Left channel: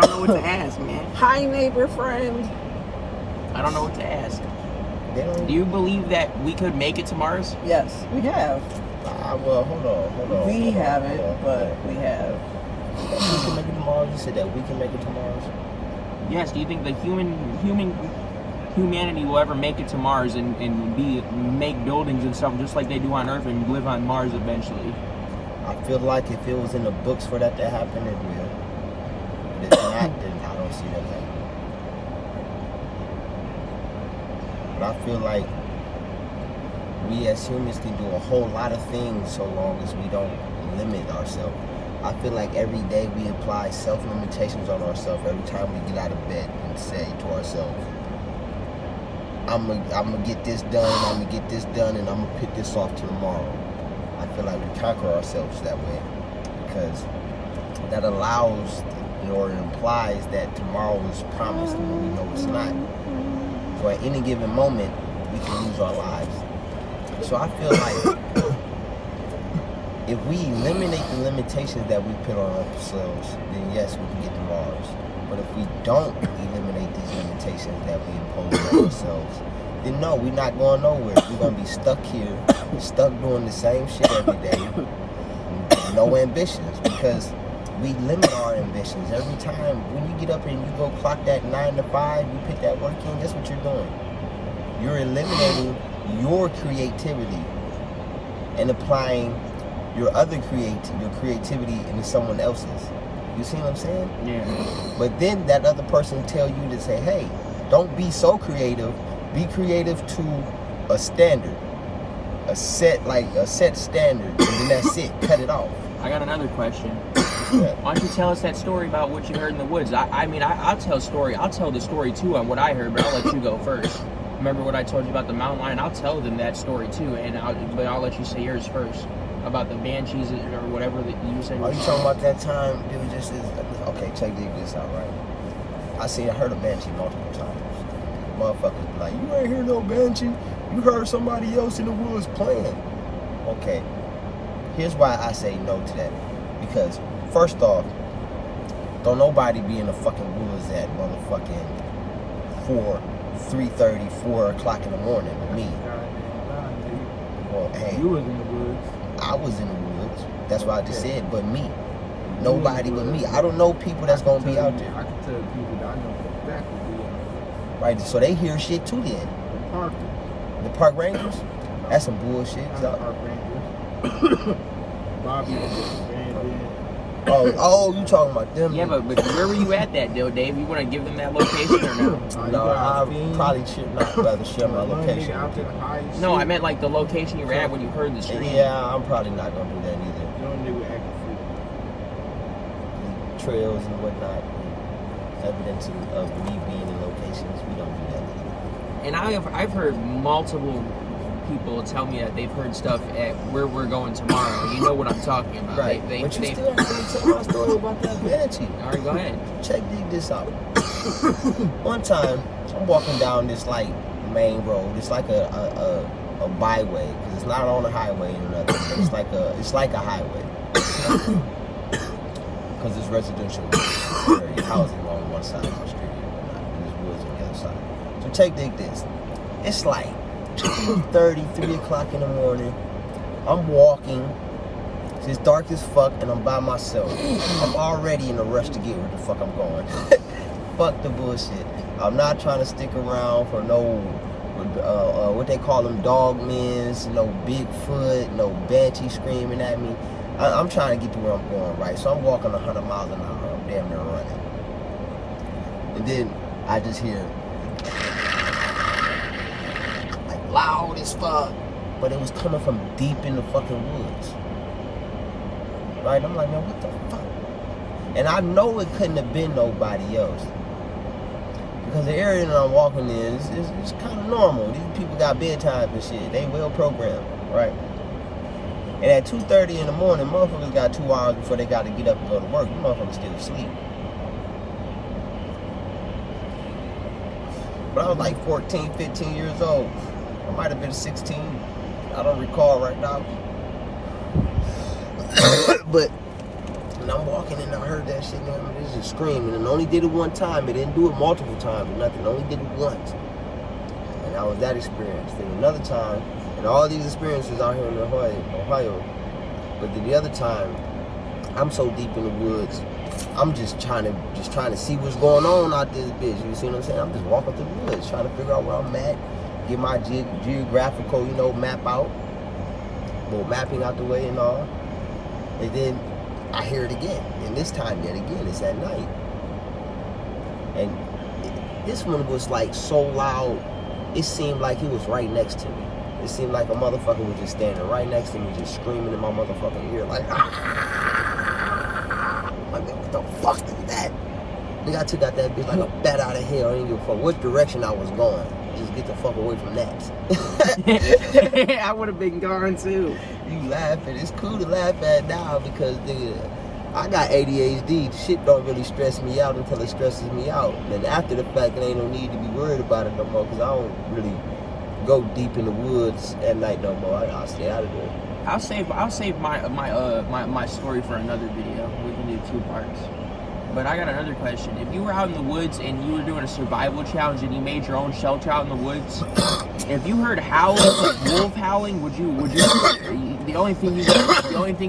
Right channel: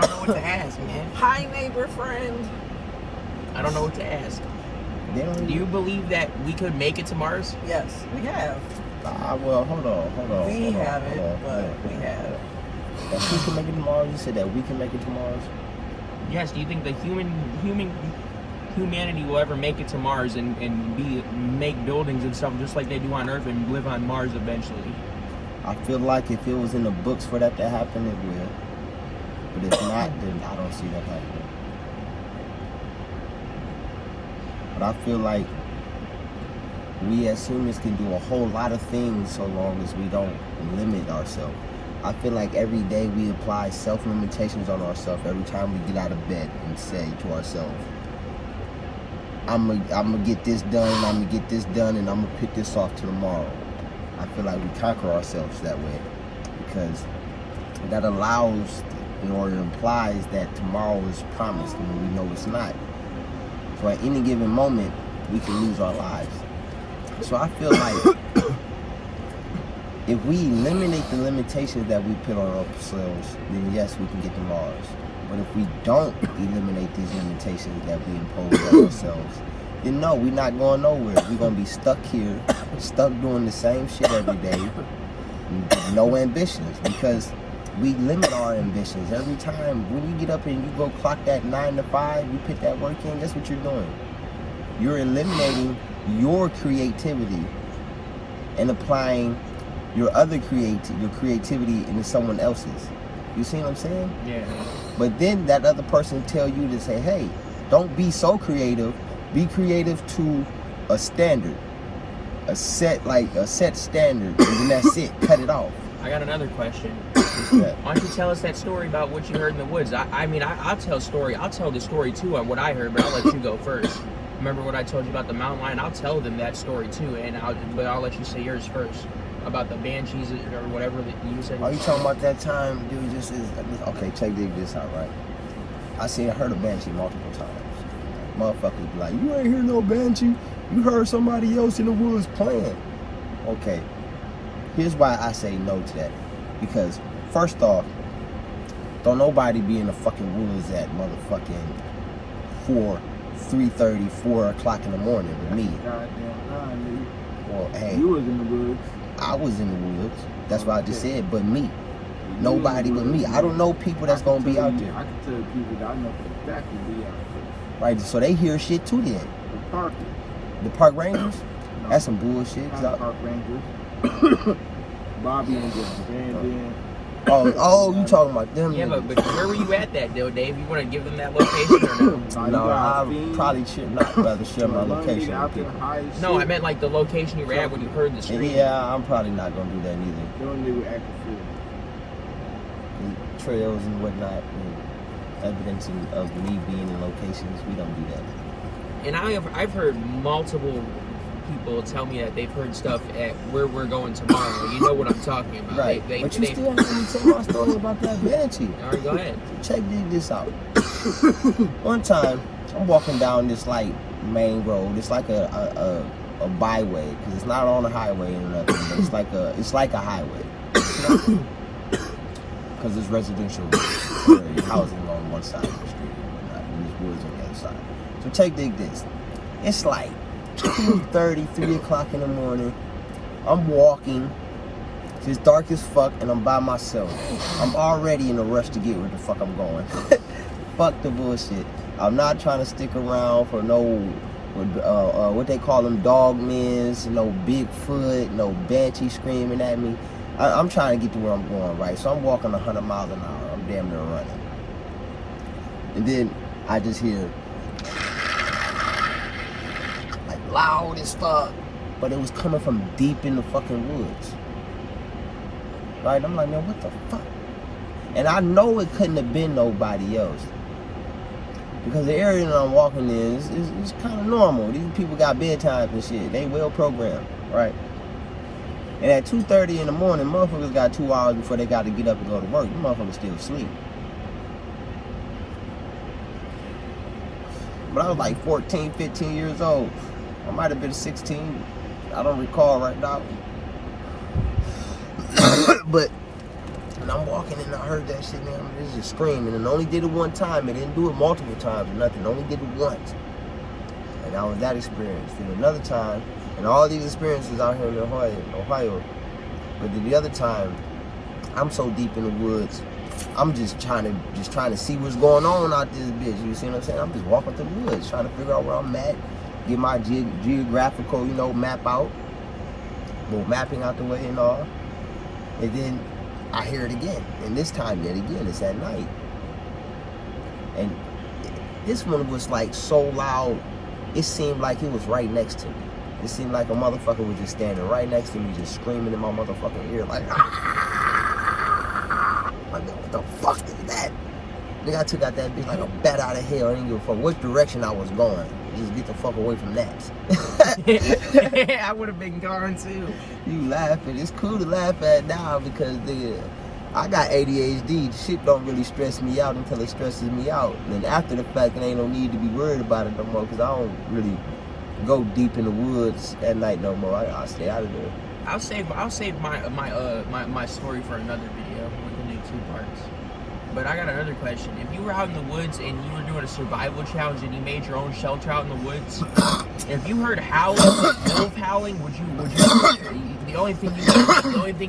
don't know what to ask, man. Hi, neighbor friend. I don't know what to ask. Do you believe that we could make it to Mars? Yes, we have. Well, hold on. We haven't, but we have. That we can make it to Mars? You said that we can make it to Mars? Yes. Do you think the humanity will ever make it to Mars and make buildings and stuff just like they do on Earth and live on Mars eventually? I feel like if it was in the books for that to happen, it will. But if not, then I don't see that happening. But I feel like we as humans can do a whole lot of things so long as we don't limit ourselves. I feel like every day we apply self-limitations on ourselves every time we get out of bed and say to ourselves, I'm gonna get this done, I'm gonna get this done, and I'm gonna put this off to tomorrow. I feel like we conquer ourselves that way because that allows or implies that tomorrow is promised and we know it's not. So at any given moment, we can lose our lives. So I feel like if we eliminate the limitations that we put on ourselves, then yes, we can get to Mars. But if we don't eliminate these limitations that we impose on ourselves, then no, we're not going nowhere. We're going to be stuck here, stuck doing the same shit every day, no ambitions, because we limit our ambitions. Every time when you get up and you go clock that 9 to 5, you put that work in, guess what you're doing? You're eliminating your creativity and applying your creativity into someone else's. You see what I'm saying? Yeah. But then that other person tell you to say, hey, don't be so creative. Be creative to a standard, a set standard, and then that's it. Cut it off. I got another question. Why don't you tell us that story about what you heard in the woods? I'll tell the story too on what I heard, but I'll let you go first. Remember what I told you about the mountain lion? I'll tell them that story too, but I'll let you say yours first about the banshees or whatever that you said. Are you talking about that time? Okay, dig this out, right? I heard a banshee multiple times. Motherfuckers be like, you ain't hear no banshee. You heard somebody else in the woods playing. Okay, here's why I say no to that. Because first off, don't nobody be in the fucking woods at motherfucking 3:30, 4 o'clock in the morning with me. Goddamn right, nigga. Well, hey, You was in the woods. I was in the woods. That's what I just said. But me, nobody but me. I don't know people that's gonna be out there. I can tell people that I know for a fact will be out there. Right, so they hear shit too then. The parkers. The park rangers? No, That's some bullshit. not the park rangers. Bobby and them. Brandon. Oh, you talking about them? Yeah, but where were you at that though, Dave? You want to give them that location or no? No, I probably should not rather share my location. Out there, high as No, shit. I meant like the location you were at when you heard the scream. Yeah, I'm probably not gonna do that either. Young nigga acting The trails and whatnot, and evidence of me being in locations, we don't do that. And I've heard multiple people tell me that they've heard stuff at where we're going tomorrow. You know what I'm talking about. Right. But you still haven't told my story about that banshee. All right, go ahead. Check this out. One time, I'm walking down this like main road. It's like a byway because it's not on a highway or nothing. But it's like a highway because it's residential area, housing on one side of the street and there's woods on the other side. So take this. It's like 2:30, 3 o'clock in the morning. I'm walking. It's dark as fuck, and I'm by myself. I'm already in a rush to get where the fuck I'm going. Fuck the bullshit. I'm not trying to stick around for no, what they call them, dog mens, no Bigfoot, no banshee screaming at me. I'm trying to get to where I'm going, right? So I'm walking 100 miles an hour. I'm damn near running. And then I just hear, like, loud as fuck. But it was coming from deep in the fucking woods. Right? I'm like, man, what the fuck? And I know it couldn't have been nobody else. Because the area that I'm walking in is kind of normal. These people got bedtimes and shit. They well programmed, right? And at 2:30 in the morning, motherfuckers got 2 hours before they got to get up and go to work. You motherfuckers still asleep. But I was like 14, 15 years old. I might have been 16. I don't recall right now. But And I'm walking and I heard that shit, man. It's just screaming. And only did it one time. It didn't do it multiple times or nothing. Only did it once. And that was that experience. Then another time, and all these experiences out here in Ohio. But then the other time, I'm so deep in the woods, I'm just trying to see what's going on out this bitch. You see what I'm saying? I'm just walking through the woods, trying to figure out where I'm at, get my geographical, map out, well, mapping out the way and all. And then I hear it again, and this time yet again, it's at night. And this one was like so loud, it seemed like he was right next to me. It seemed like a motherfucker was just standing right next to me, just screaming in my motherfucking ear, like, what the fuck is that? Nigga, I took out that bitch like a bat out of hell. I didn't give a fuck which direction I was going. Just get the fuck away from that. I would have been gone too. You laughing. It's cool to laugh at now because, nigga, I got ADHD. Shit don't really stress me out until it stresses me out. And after the fact, there ain't no need to be worried about it no more because I don't really go deep in the woods at night no more. I stay out of there. I'll save my story for another video. We can do 2 parts. But I got another question. If you were out in the woods and you were doing a survival challenge and you made your own shelter out in the woods, if you heard howling, wolf howling, would you the only thing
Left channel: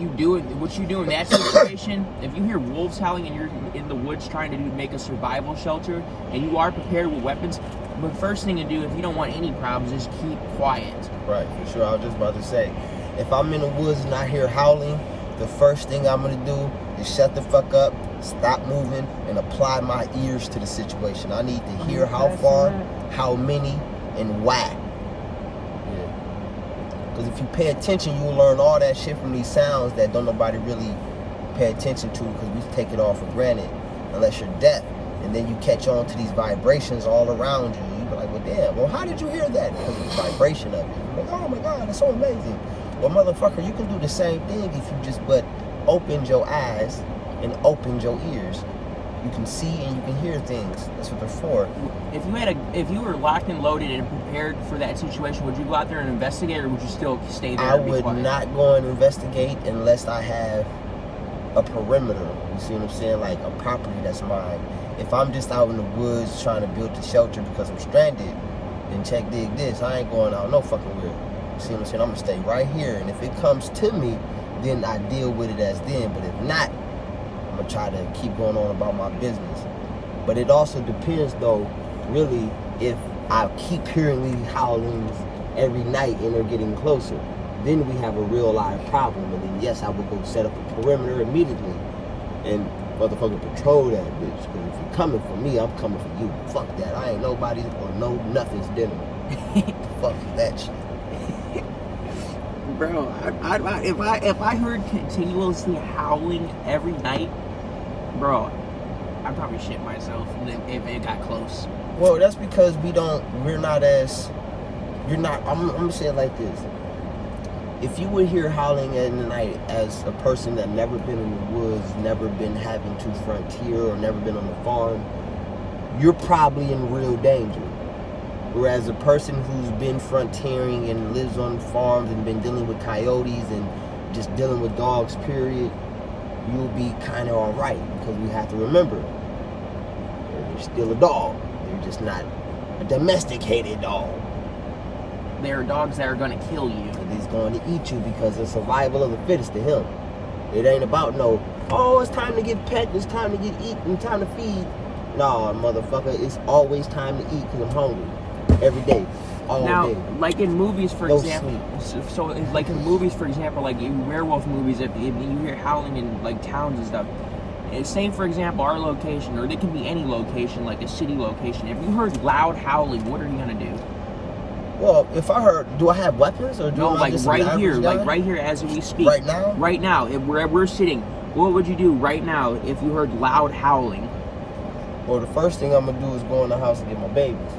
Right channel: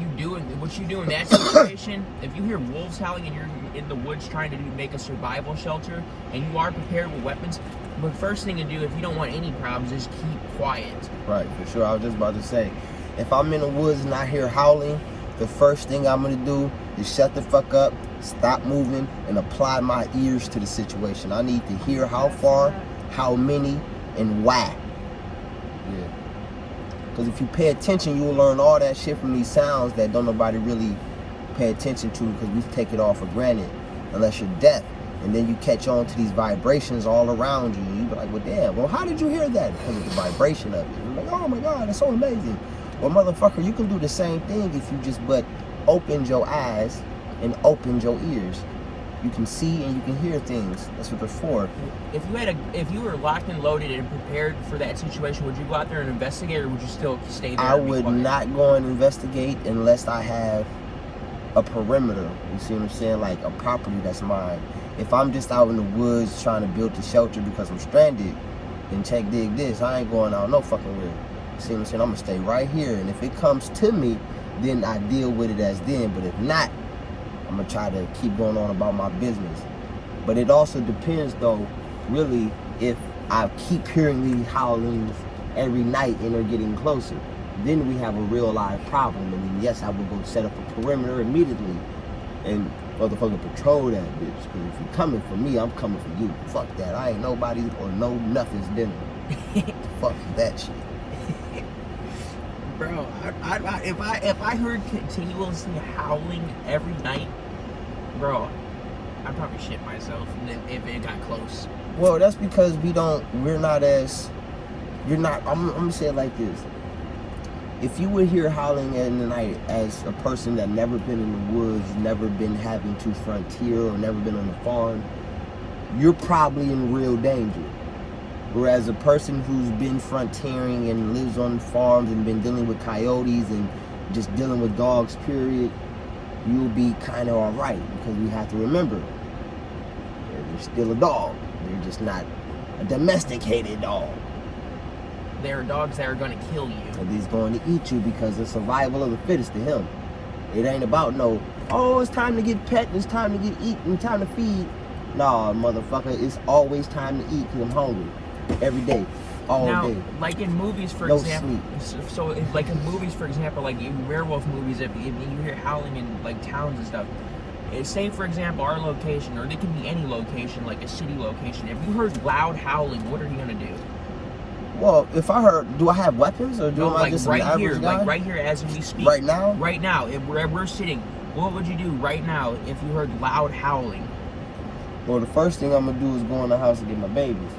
you do what you do in that situation, if you hear wolves howling and you're in the woods trying to make a survival shelter and you are prepared with weapons, the first thing to do if you don't want any problems is keep quiet. Right, for sure. I was just about to say, if I'm in the woods and I hear howling, the first thing I'm gonna do is shut the fuck up, stop moving, and apply my ears to the situation. I need to hear how far, how many, and why. Yeah. Because if you pay attention, you will learn all that shit from these sounds that don't nobody really pay attention to because we take it all for granted unless you're deaf. And then you catch on to these vibrations all around you. You be like, well, damn, well, how did you hear that? Because of the vibration of it. You're like, oh my God, it's so amazing. Well, motherfucker, you can do the same thing if you just but opened your eyes and opened your ears. You can see and you can hear things. That's what they're for. If you were locked and loaded and prepared for that situation, would you go out there and investigate, or would you still stay there? I would not go and investigate unless I have a perimeter. You see what I'm saying? Like a property that's mine. If I'm just out in the woods trying to build a shelter because I'm stranded, then check dig this. I ain't going out no fucking where. You see what I'm saying? I'm gonna stay right here, and if it comes to me, then I deal with it as then. But if not, I'm gonna try to keep going on about my business. But it also depends, though, really, if I keep hearing these howlings every night and they're getting closer, then we have a real live problem. And then yes, I will go set up a perimeter immediately and motherfucking patrol that bitch. Because if you're coming for me, I'm coming for you. Fuck that. I ain't nobody or no nothing's dinner. Fuck that shit. Bro, if I heard continuously howling every night, bro, I'd probably shit myself if it got close. Well, that's because I'm gonna say it like this. If you would hear howling in the night as a person that never been in the woods, never been having to frontier or never been on a farm, you're probably in real danger. Whereas a person who's been frontiering and lives on farms and been dealing with coyotes and just dealing with dogs, period, you'll be kind of all right. Because you have to remember, you're still a dog. They're just not a domesticated dog. There are dogs that are going to kill you. And he's going to eat you because it's survival of the fittest to him. It ain't about it's time to get pet, it's time to get eaten, time to feed. Nah, motherfucker, it's always time to eat because I'm hungry. Every day, all day. Now, like in movies, for example, like in movies, for example, like in werewolf movies, if you hear howling in like towns and stuff, say for example our location, or it can be any location, like a city location. If you heard loud howling, what are you gonna do? Well, if I heard, do I have weapons or do I like just right here, like right here as we speak. Right now? Right now, if we're sitting, what would you do right now if you heard loud howling? Well, the first thing I'm gonna do is go in the house and get my babies.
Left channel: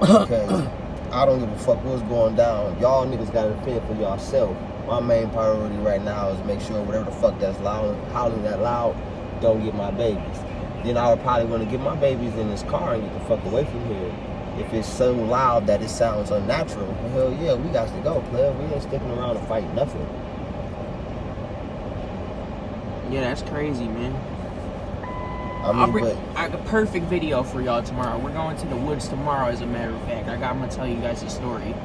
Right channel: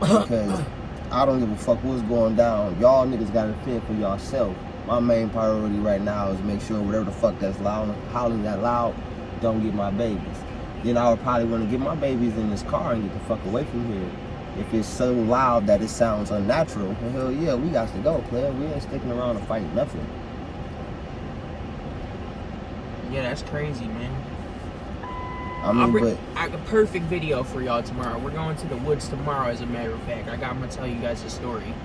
Because I don't give a fuck what's going down. Y'all niggas gotta fend for yourself. My main priority right now is make sure whatever the fuck that's loud, howling that loud, don't get my babies. Then I would probably want to get my babies in this car and get the fuck away from here. If it's so loud that it sounds unnatural, hell yeah, we got to go, player. We ain't sticking around to fight nothing. Yeah, that's crazy, man. I mean, I got a perfect video for y'all tomorrow. We're going to the woods tomorrow, as a matter of fact. I'm gonna tell you guys the story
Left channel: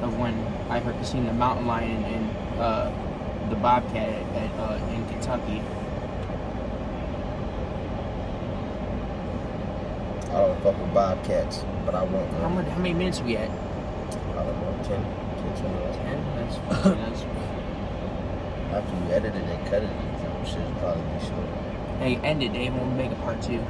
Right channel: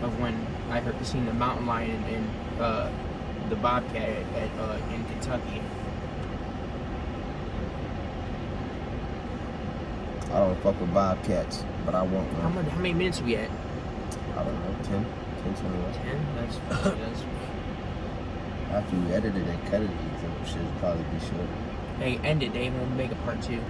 of when I seen the mountain lion and the bobcat in Kentucky. I don't fuck with bobcats, but I want one. How many minutes are we at? I don't know, 10, 20 minutes. 10? That's After you edit it and cut it, that shit will probably be short. Hey, end it, Dave. We'll make a part 2.